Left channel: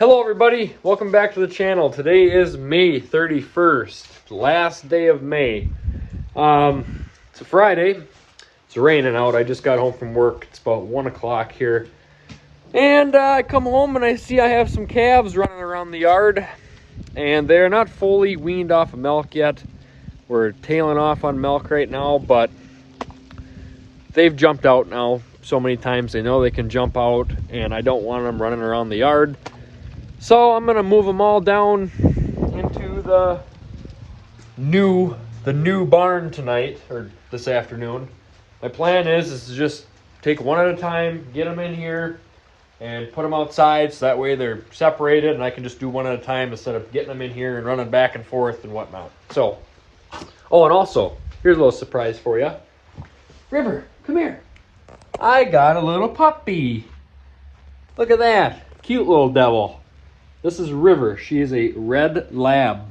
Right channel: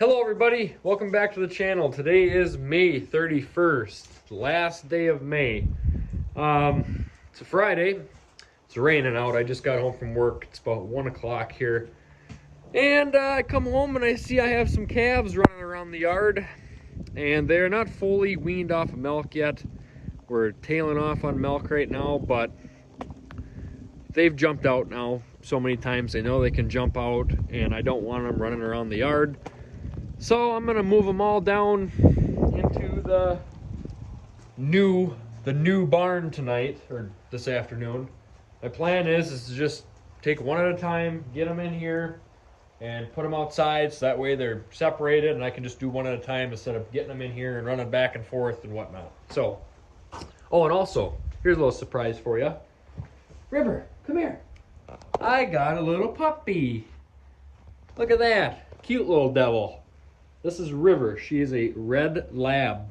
Hello everybody, welcome back to the channel. Today is May 31st, last day of May. It's a Friday, it's raining out. I just got home from work, it's about 1 o'clock here. And I come home and I see I have some calves running around the yard. And they're not fully weaned off of milk yet. We're tailing off on milk right now, but they've jumped out now so many times. They know they can jump out and I don't want them running around the yard. So I'm gonna move them all down into the new barn tonight, or this afternoon. My plan is to just take one at a time, get them in here, and put them outside so that way they're separated and I can just do one at a time instead of getting them in here and running back and forth and whatnot. So, oh, and also, here's a little surprise for you. River, come here. I got a little puppy. Look at that, cute little devil. This is River. She is a red lab.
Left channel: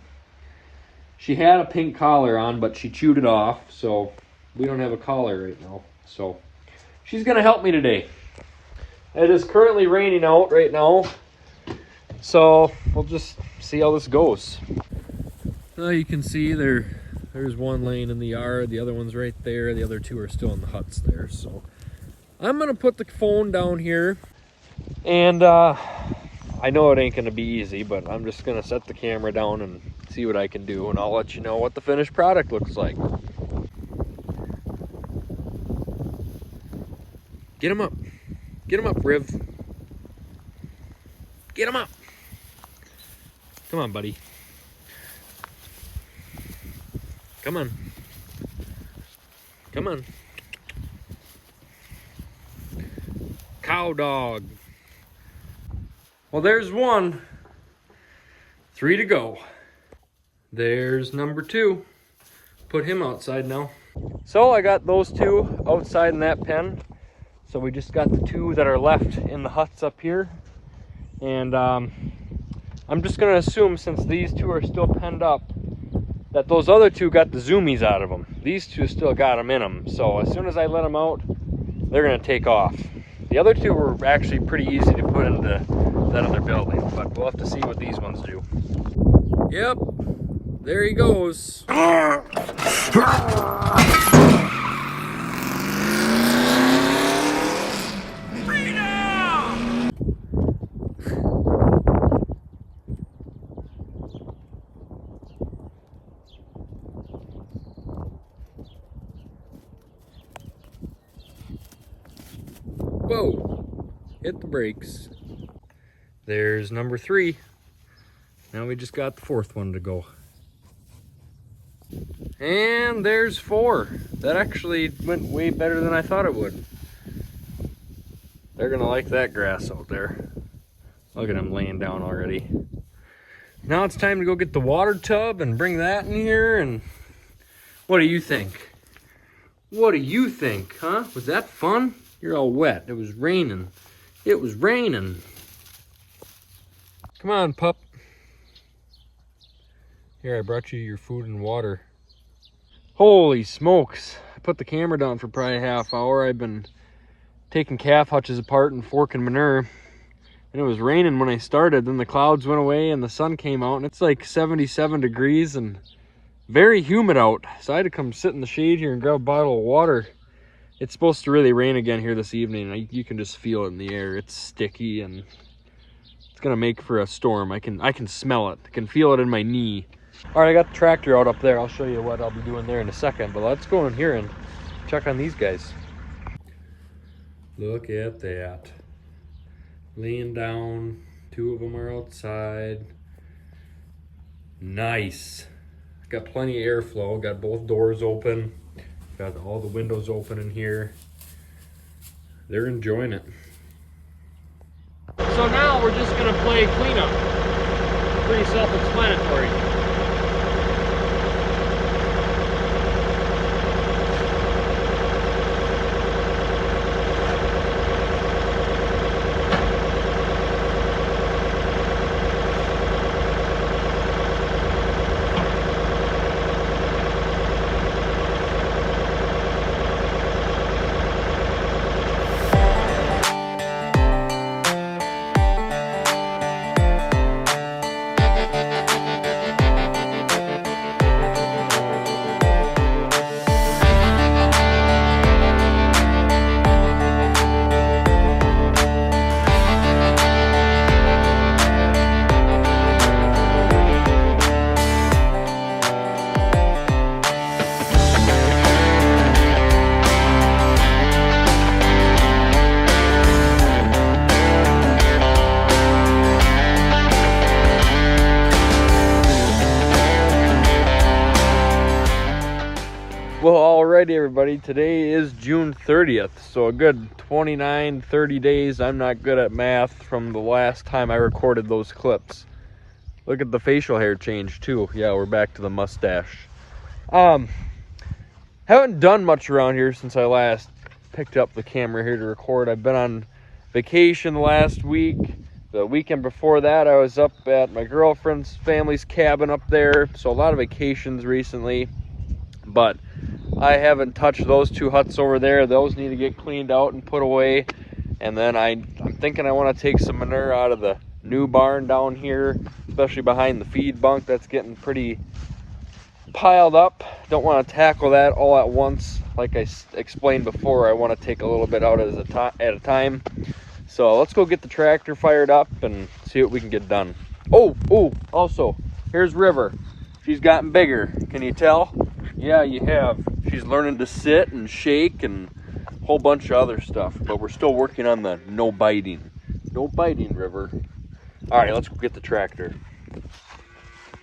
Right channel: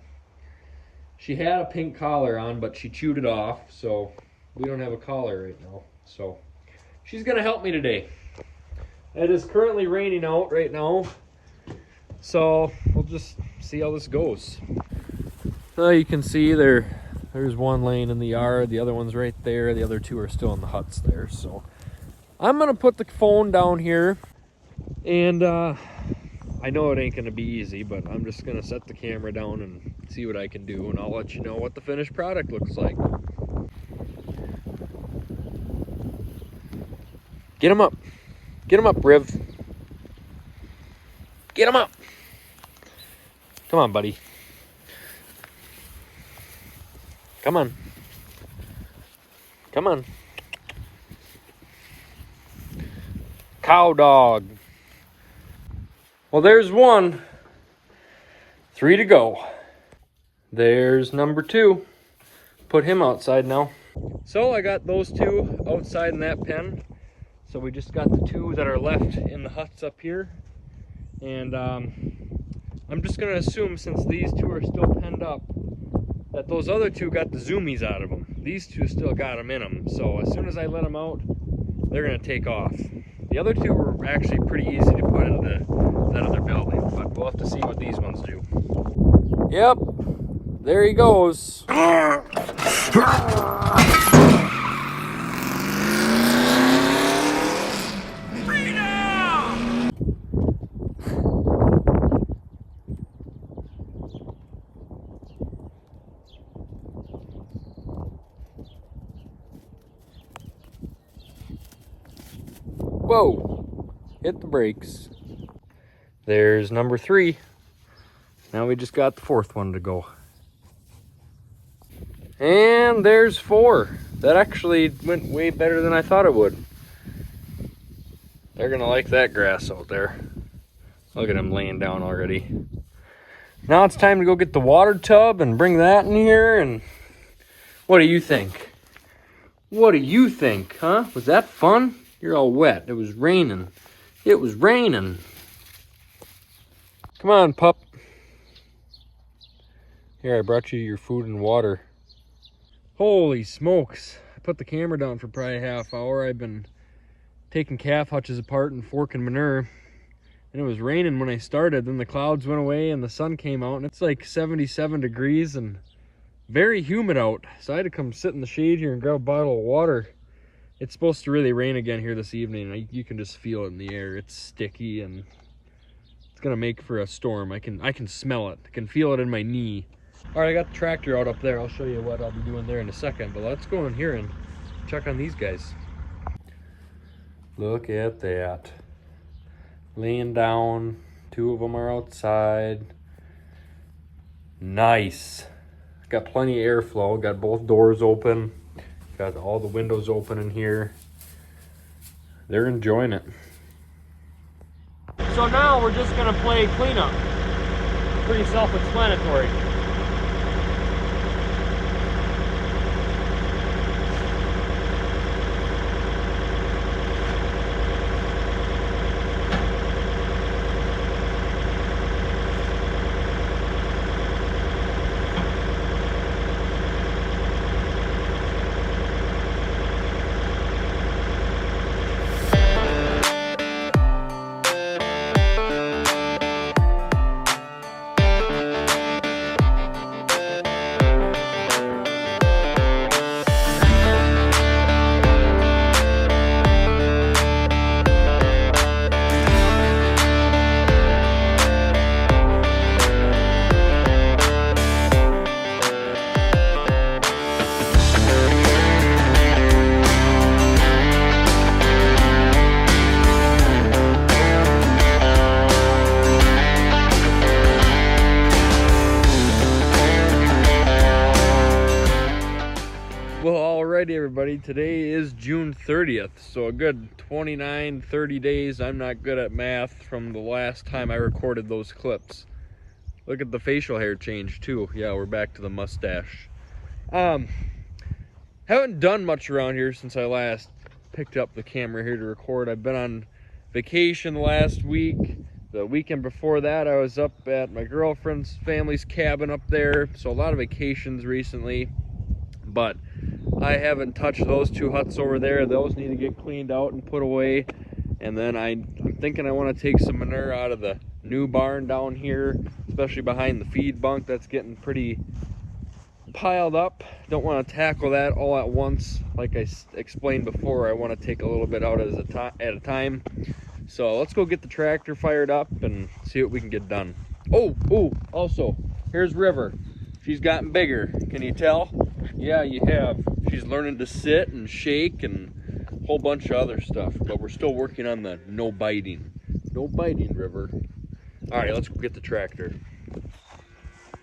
She had a pink collar on, but she chewed it off, so we don't have a collar right now. So she's gonna help me today. It is currently raining out right now, so we'll just see how this goes. So you can see there's one laying in the yard, the other one's right there, the other two are still in the huts there. So I'm gonna put the phone down here, and I know it ain't gonna be easy, but I'm just gonna set the camera down and see what I can do, and I'll let you know what the finished product looks like. Get him up. Get him up, Riv. Get him up. Come on, buddy. Come on. Come on. Cow dog. Well, there's one. 3 to go. There's number 2. Put him outside now. So I got those 2 outside in that pen. So we just got the 2 that are left in the huts up here. And I'm just gonna assume, since these 2 are still penned up, that those other 2 got the zoomies out of them. These 2 still got them in them. So as soon as I let them out, they're gonna take off. The other 2 were actually pretty easy to put into that other building, but we'll have to see what these ones do. Yep, there he goes. Whoa, hit the brakes. There's number 3. Now we just got the 4th one to go. And there's 4. That actually went way better than I thought it would. They're gonna like that grass out there. Look at them laying down already. Now it's time to go get the water tub and bring that in here. And what do you think? What do you think, huh? Was that fun? You're all wet. It was raining. It was raining. Come on, pup. Here, I brought you your food and water. Holy smokes. I put the camera down for probably a half hour. I've been taking calf hutches apart and forking manure. And it was raining when I started. Then the clouds went away and the sun came out. And it's like 77 degrees and very humid out. So I had to come sit in the shade here and grab a bottle of water. It's supposed to really rain again here this evening. You can just feel it in the air. It's sticky and it's gonna make for a storm. I can smell it. I can feel it in my knee. All right, I got the tractor out up there. I'll show you what I'll be doing there in a second, but let's go in here and check on these guys. Look at that. Laying down. 2 of them are outside. Nice. Got plenty of airflow. Got both doors open. Got all the windows open in here. They're enjoying it. So now we're just gonna play cleanup. Pretty self-explanatory. Alrighty, everybody. Today is June 30th, so a good 29, 30 days. I'm not good at math from the last time I recorded those clips. Look at the facial hair change too. Yeah, we're back to the mustache. Haven't done much around here since I last picked up the camera here to record. I've been on vacation the last week. The weekend before that, I was up at my girlfriend's family's cabin up there. So a lot of vacations recently, but I haven't touched those two huts over there. Those need to get cleaned out and put away. And then I'm thinking I want to take some manure out of the new barn down here, especially behind the feed bunk. That's getting pretty piled up. Don't want to tackle that all at once. Like I explained before, I want to take a little bit out at a time. So let's go get the tractor fired up and see what we can get done. Oh, also, here's River. She's gotten bigger. Can you tell? Yeah, you have. She's learning to sit and shake and a whole bunch of other stuff, but we're still working on the no biting. No biting, River. All right, let's go get the tractor.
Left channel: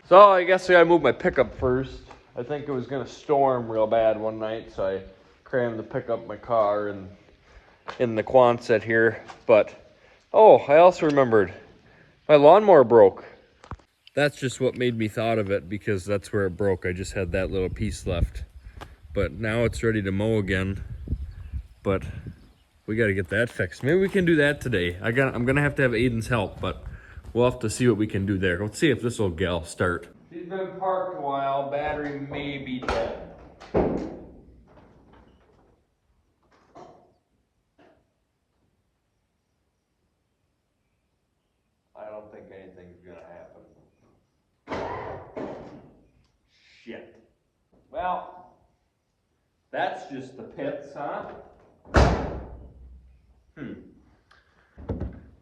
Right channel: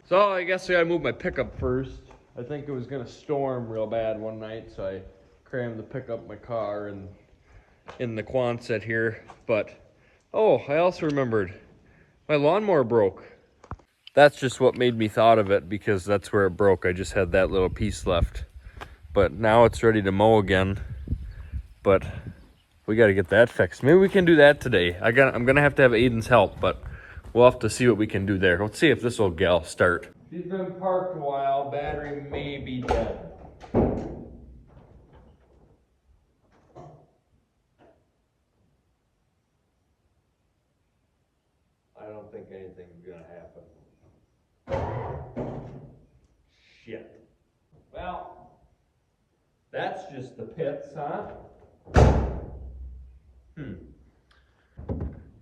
So I guess I gotta move my pickup first. I think it was gonna storm real bad one night, so I crammed the pickup in my car and in the Quonset here. But, oh, I also remembered, my lawnmower broke. That's just what made me thought of it, because that's where it broke. I just had that little piece left. But now it's ready to mow again. But we got to get that fixed. Maybe we can do that today. I'm going to have Aiden's help, but we'll have to see what we can do there. Let's see if this old gal start. She's been parked a while. Battery may be dead. I don't think anything's going to happen. Shit. Well, that's just the pits, huh?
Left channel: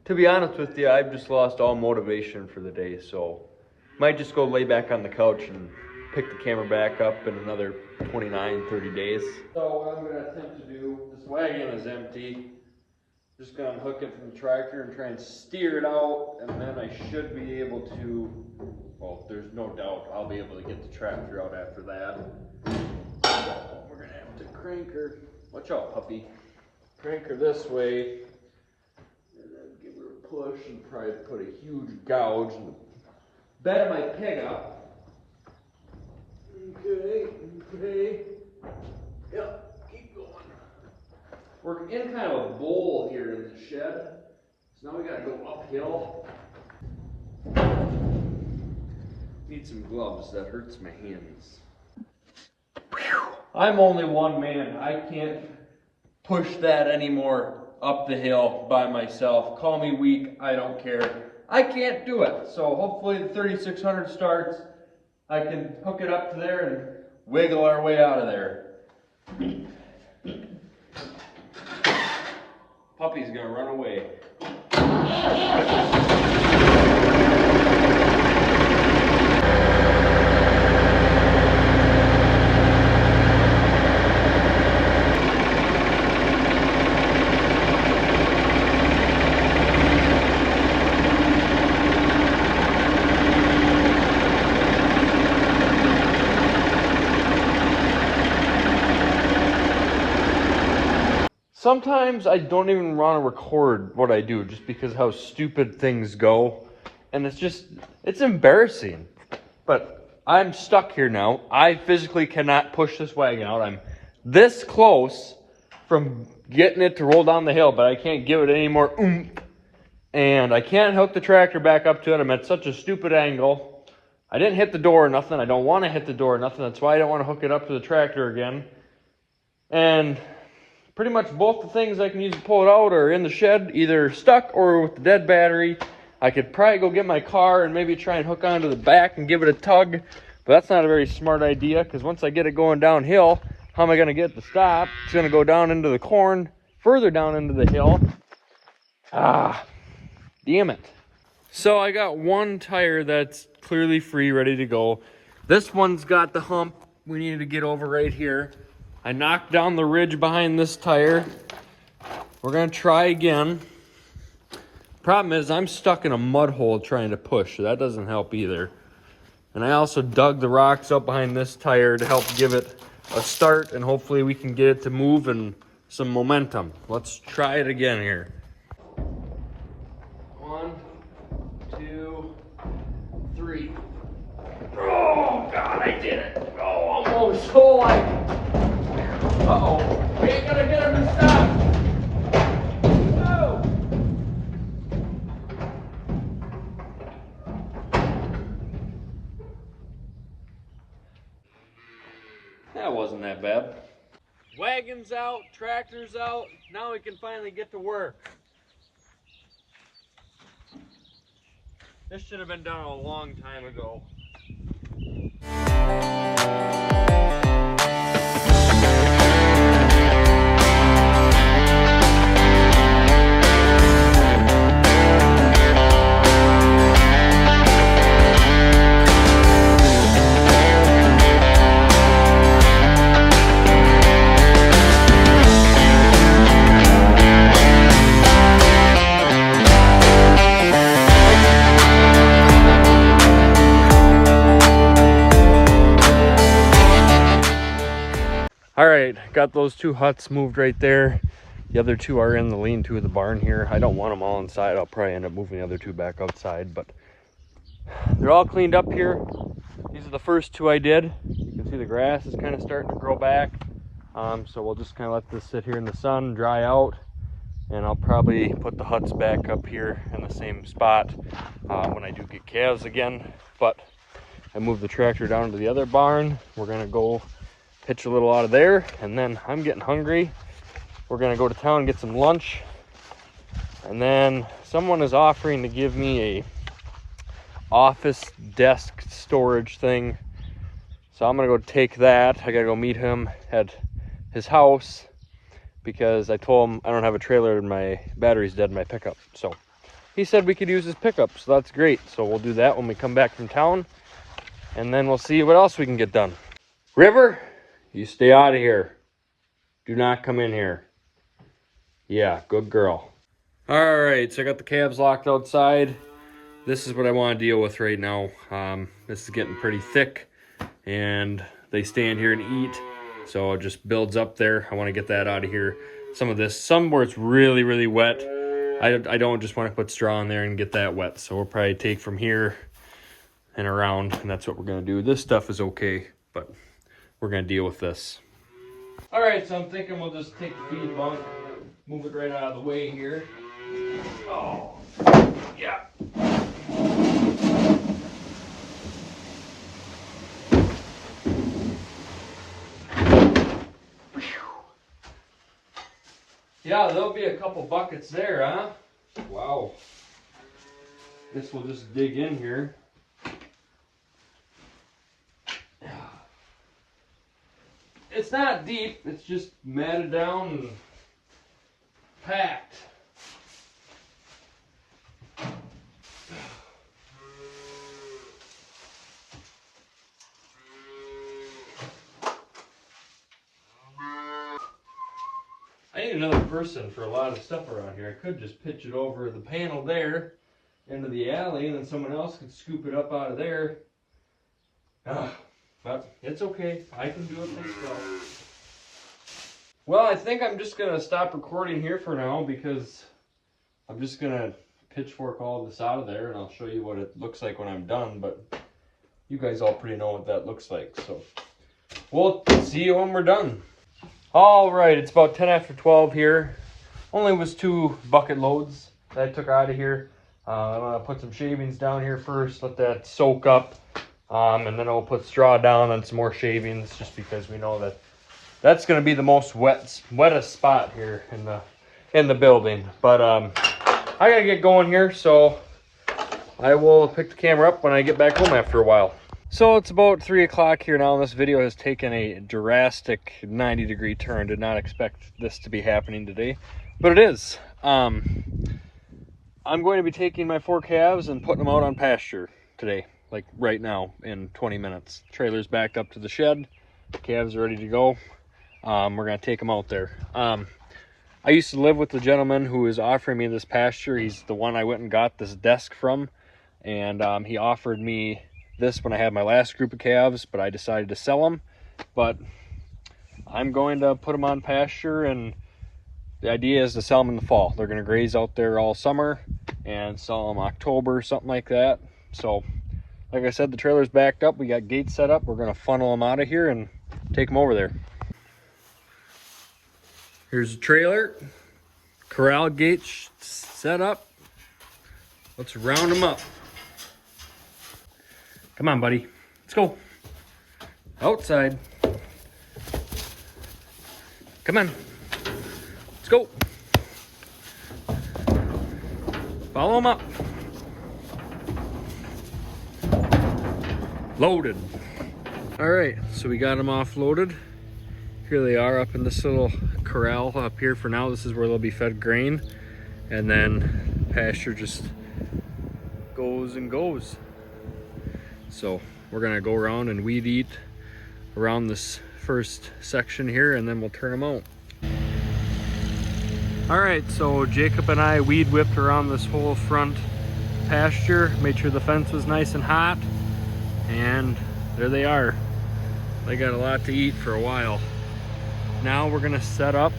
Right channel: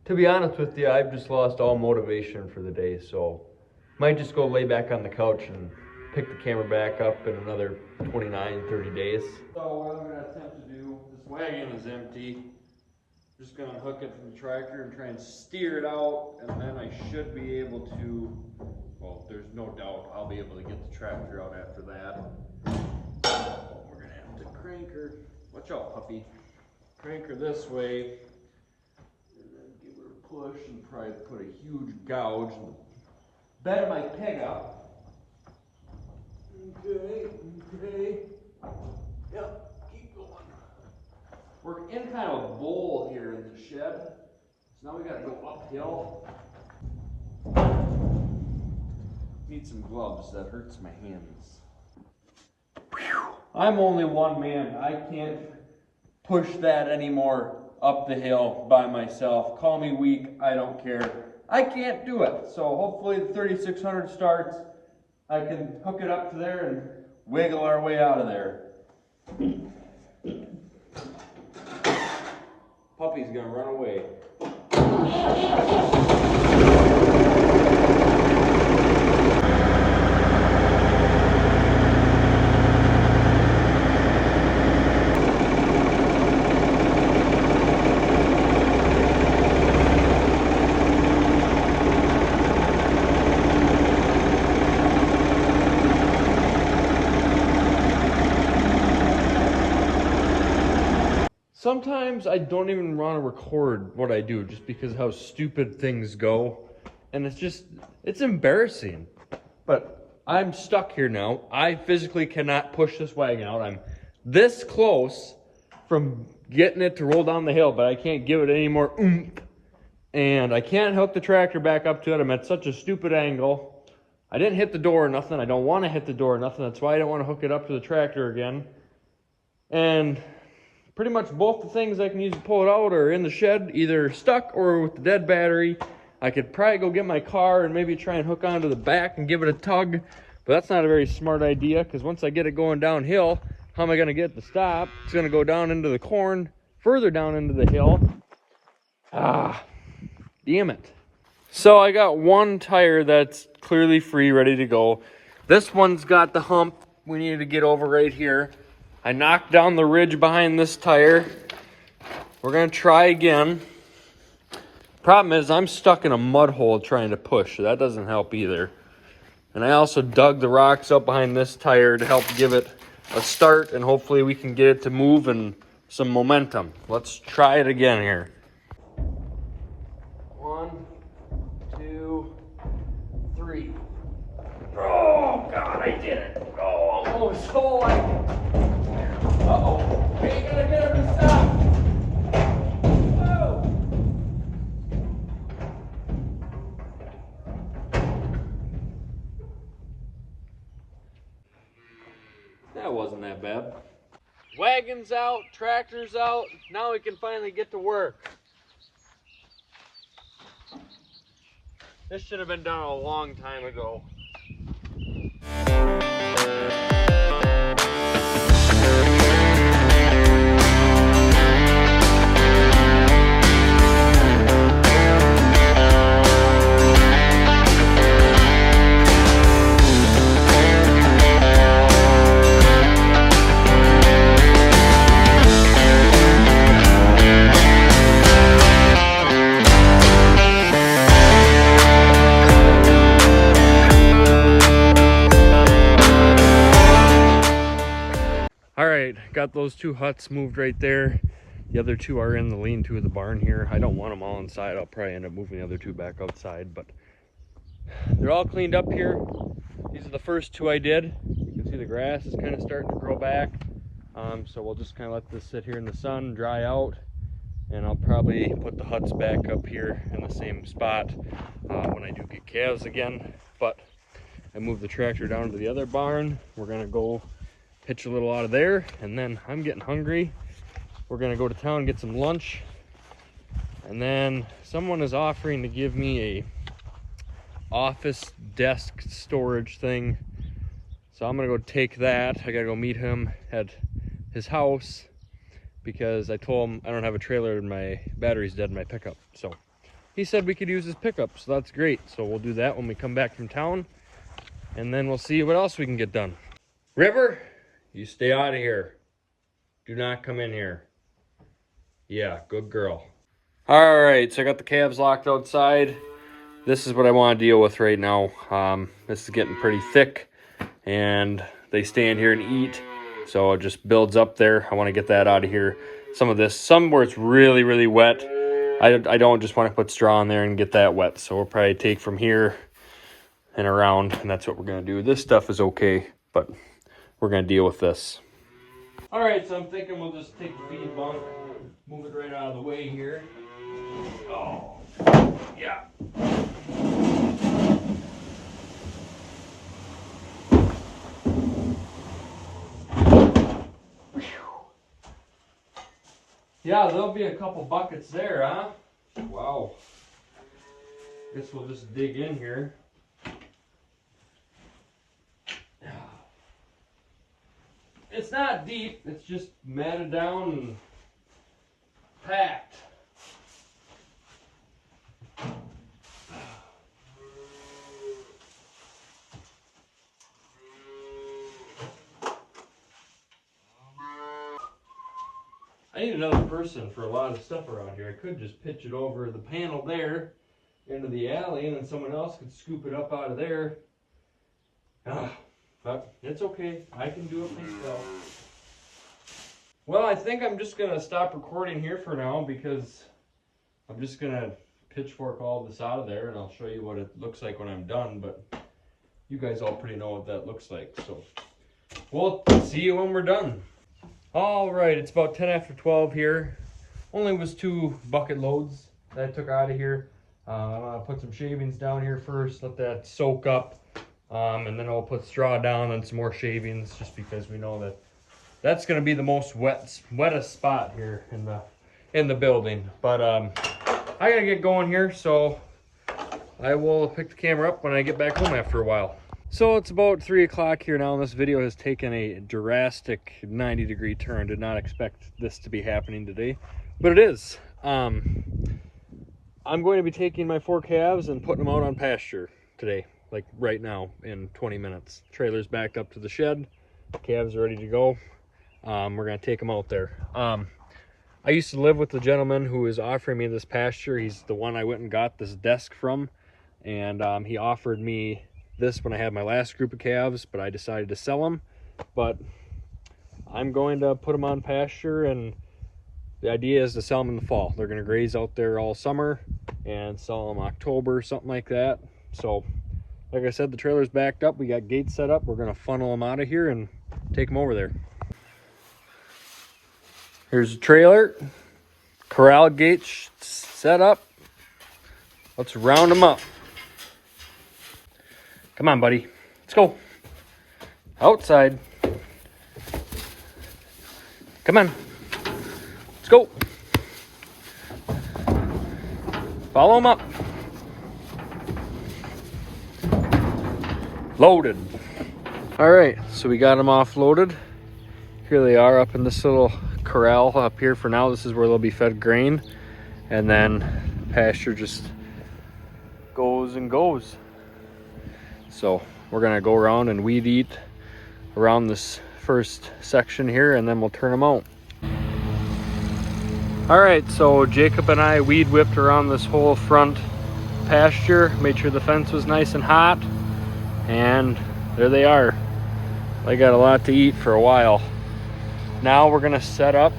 To be honest with you, I've just lost all motivation for the day, so might just go lay back on the couch and pick the camera back up in another 29, 30 days. So what I'm going to attempt to do, this wagon is empty. Just going to unhook it from the tractor and try and steer it out, and then I should be able to, well, there's no doubt I'll be able to get the tractor out after that. So we're going to have to crank her, watch out puppy, crank her this way, and then give her a push and probably put a huge gouge in the bed of my pickup. Okay. Yep, keep going. We're in kind of a bowl here in the shed, so now we gotta go uphill. Need some gloves, that hurts my hands. I'm only one man. I can't push that anymore up the hill by myself. Call me weak, I don't care. I can't do it. So hopefully the 3600 starts. I can hook it up to there and wiggle our way out of there. Puppy's gonna run away. Sometimes I don't even want to record what I do just because of how stupid things go. And it's embarrassing. But I'm stuck here now. I physically cannot push this wagon out. I'm this close from getting it to roll down the hill, but I can't give it any more oomph. And I can't hook the tractor back up to it. I'm at such a stupid angle. I didn't hit the door or nothing. I don't want to hit the door or nothing. That's why I don't want to hook it up to the tractor again. And pretty much both the things I can use to pull it out are in the shed, either stuck or with the dead battery. I could probably go get my car and maybe try and hook onto the back and give it a tug, but that's not a very smart idea, because once I get it going downhill, how am I going to get it to stop? It's going to go down into the corn, further down into the hill. Damn it. So I got one tire that's clearly free, ready to go. This one's got the hump we need to get over right here. I knocked down the ridge behind this tire. We're gonna try again. Problem is I'm stuck in a mud hole trying to push, so that doesn't help either. And I also dug the rocks up behind this tire to help give it a start, and hopefully we can get it to move and some momentum. Let's try it again here. 1, 2, 3. Oh God, I did it. Oh, almost. So like, uh-oh, we ain't gonna get him to stop. Whoa. That wasn't that bad. Wagons out, tractors out. Now we can finally get to work. This should have been done a long time ago. All right, got those 2 huts moved right there. The other 2 are in the lean-to of the barn here. I don't want them all inside. I'll probably end up moving the other 2 back outside, but they're all cleaned up here. These are the first 2 I did. You can see the grass is kind of starting to grow back. So we'll just kind of let this sit here in the sun, dry out, and I'll probably put the huts back up here in the same spot when I do get calves again. But I moved the tractor down to the other barn. We're gonna go pitch a little out of there, and then I'm getting hungry. We're gonna go to town and get some lunch, and then someone is offering to give me a office desk storage thing, so I'm gonna go take that. I gotta go meet him at his house because I told him I don't have a trailer and my battery's dead in my pickup. So he said we could use his pickup, so that's great. So we'll do that when we come back from town, and then we'll see what else we can get done. River, you stay out of here. Do not come in here. Yeah, good girl. All right, so I got the calves locked outside. This is what I want to deal with right now. This is getting pretty thick, and they stand here and eat, so it just builds up there. I want to get that out of here. Some where it's really, really wet. I don't just want to put straw in there and get that wet, so we'll probably take from here and around, and that's what we're going to do. This stuff is okay, but we're going to deal with this. All right, so I'm thinking we'll just take the feed bunk, move it right out of the way here. Oh, yeah. Yeah, there'll be a couple buckets there, huh? Wow. Guess we'll just dig in here. It's not deep, it's just matted down and packed. I need another person for a lot of stuff around here. I could just pitch it over the panel there into the alley, and then someone else could scoop it up out of there. But it's okay. I can do it myself. Well, I think I'm just going to stop recording here for now because I'm just going to pitchfork all this out of there, and I'll show you what it looks like when I'm done. But you guys all pretty know what that looks like. So we'll see you when we're done. All right, it's about 10 after 12 here. Only was 2 bucket loads that I took out of here. I'm going to put some shavings down here first, let that soak up. And then I'll put straw down and some more shavings just because we know that that's going to be the most wettest spot here in the building. But I got to get going here, so I will pick the camera up when I get back home after a while. So it's about 3 o'clock here now, and this video has taken a drastic 90-degree turn. Did not expect this to be happening today, but it is. I'm going to be taking my 4 calves and putting them out on pasture today, like right now in 20 minutes. Trailer's backed up to the shed. Calves are ready to go. We're going to take them out there. I used to live with the gentleman who is offering me this pasture. He's the one I went and got this desk from, and he offered me this when I had my last group of calves, but I decided to sell them. But I'm going to put them on pasture, and the idea is to sell them in the fall. They're going to graze out there all summer and sell them October, something like that. So like I said, the trailer's backed up. We got gates set up. We're going to funnel them out of here and take them over there. Here's the trailer. Corral gates set up. Let's round them up. Come on, buddy. Let's go. Outside. Come on. Let's go. Follow them up. Loaded. All right, so we got them offloaded. Here they are up in this little corral up here for now. This is where they'll be fed grain, and then pasture just goes and goes. So we're gonna go around and weed eat around this first section here, and then we'll turn them out. All right, so Jacob and I weed whipped around this whole front pasture, made sure the fence was nice and hot, and there they are. They got a lot to eat for a while. Now we're gonna set up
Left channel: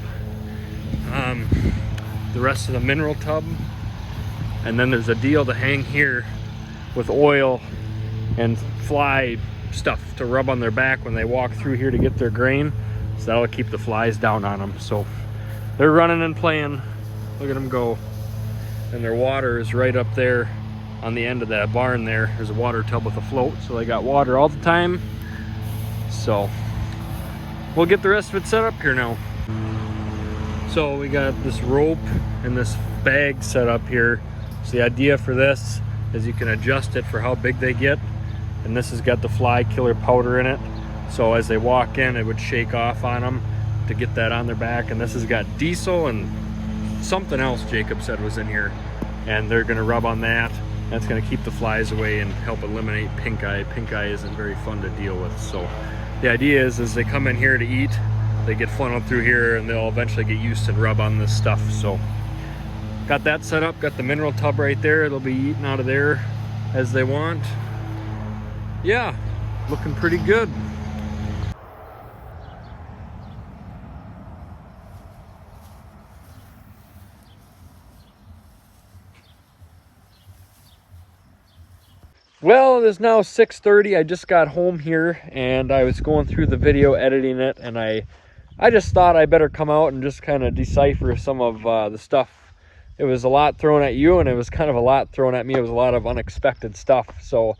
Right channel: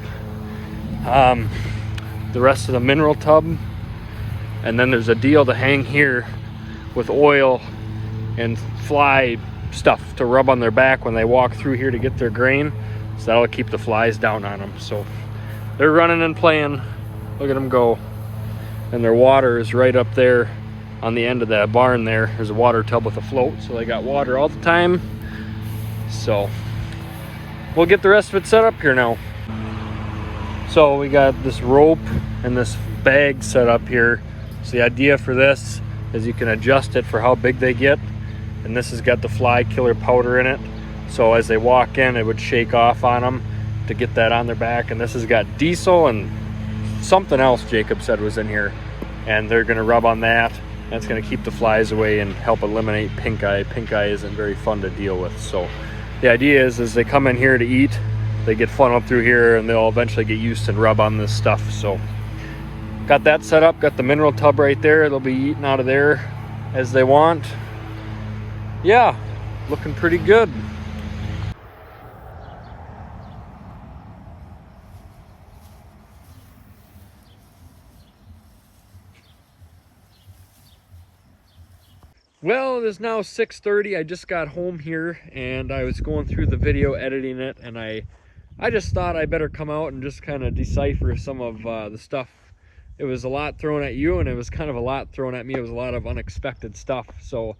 the rest of the mineral tub, and then there's a deal to hang here with oil and fly stuff to rub on their back when they walk through here to get their grain, so that'll keep the flies down on them. So they're running and playing. Look at them go. And their water is right up there on the end of that barn there. There's a water tub with a float, so they got water all the time. So we'll get the rest of it set up here now. So we got this rope and this bag set up here. So the idea for this is you can adjust it for how big they get. And this has got the fly killer powder in it. So as they walk in, it would shake off on them to get that on their back. And this has got diesel and something else Jacob said was in here. And they're gonna rub on that. That's gonna keep the flies away and help eliminate pink eye. Pink eye isn't very fun to deal with. So the idea is they come in here to eat, they get funneled through here, and they'll eventually get used and rub on this stuff. So got that set up, got the mineral tub right there. They'll be eating out of there as they want. Yeah, looking pretty good. Well, it is now 6:30. I just got home here and I was going through the video, editing it, and I just thought I better come out and just kind of decipher some of the stuff. It was a lot thrown at you, and it was kind of a lot thrown at me. It was a lot of unexpected stuff. So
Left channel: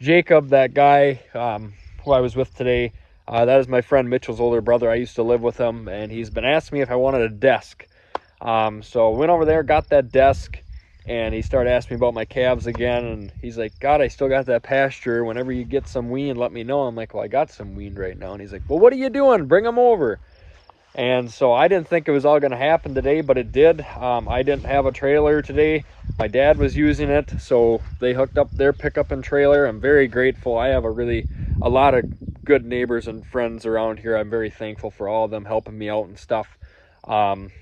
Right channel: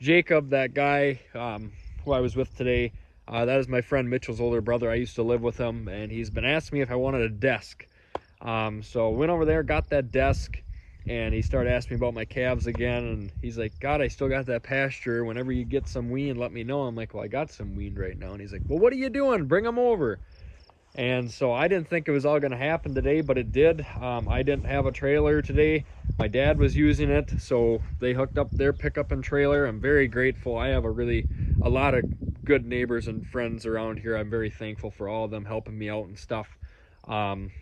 Jacob, that guy who I was with today, that is my friend Mitchell's older brother. I used to live with him, and he's been asking me if I wanted a desk. So went over there, got that desk, and he started asking me about my calves again, and he's like, God, I still got that pasture. Whenever you get some wean, let me know. I'm like, well, I got some wean right now. And he's like, well, what are you doing? Bring them over. And so I didn't think it was all going to happen today, but it did. I didn't have a trailer today. My dad was using it, so they hooked up their pickup and trailer. I'm very grateful. I have a lot of good neighbors and friends around here. I'm very thankful for all of them helping me out and stuff.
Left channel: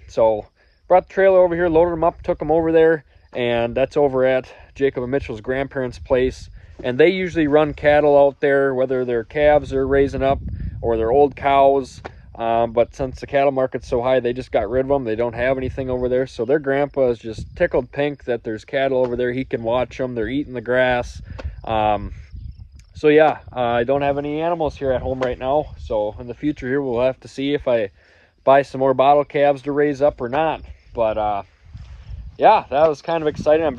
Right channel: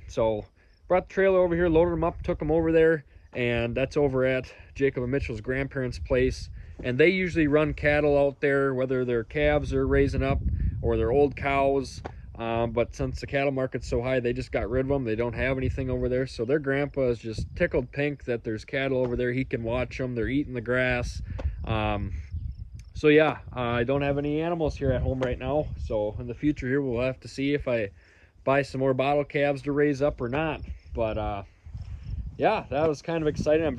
So brought the trailer over here, loaded them up, took them over there, and that's over at Jacob and Mitchell's grandparents' place. And they usually run cattle out there, whether their calves are raising up or their old cows. But since the cattle market's so high, they just got rid of them. They don't have anything over there. So their grandpa is just tickled pink that there's cattle over there. He can watch them. They're eating the grass. So yeah, I don't have any animals here at home right now. So in the future here, we'll have to see if I buy some more bottle calves to raise up or not. But yeah, that was kind of exciting. I'm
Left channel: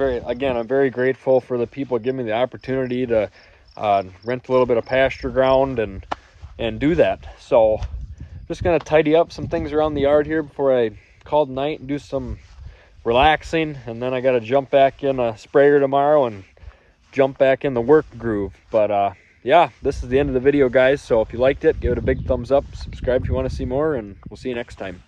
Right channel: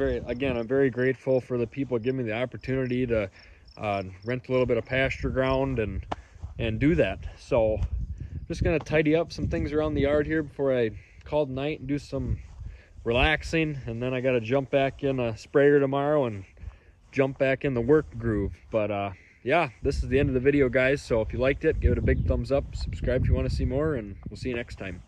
very grateful for the people giving me the opportunity to rent a little bit of pasture ground and do that. So just gonna tidy up some things around the yard here before I call it night and do some relaxing, and then I gotta jump back in a sprayer tomorrow and jump back in the work groove. But yeah, this is the end of the video, guys. So if you liked it, give it a big thumbs up, subscribe if you want to see more, and we'll see you next time.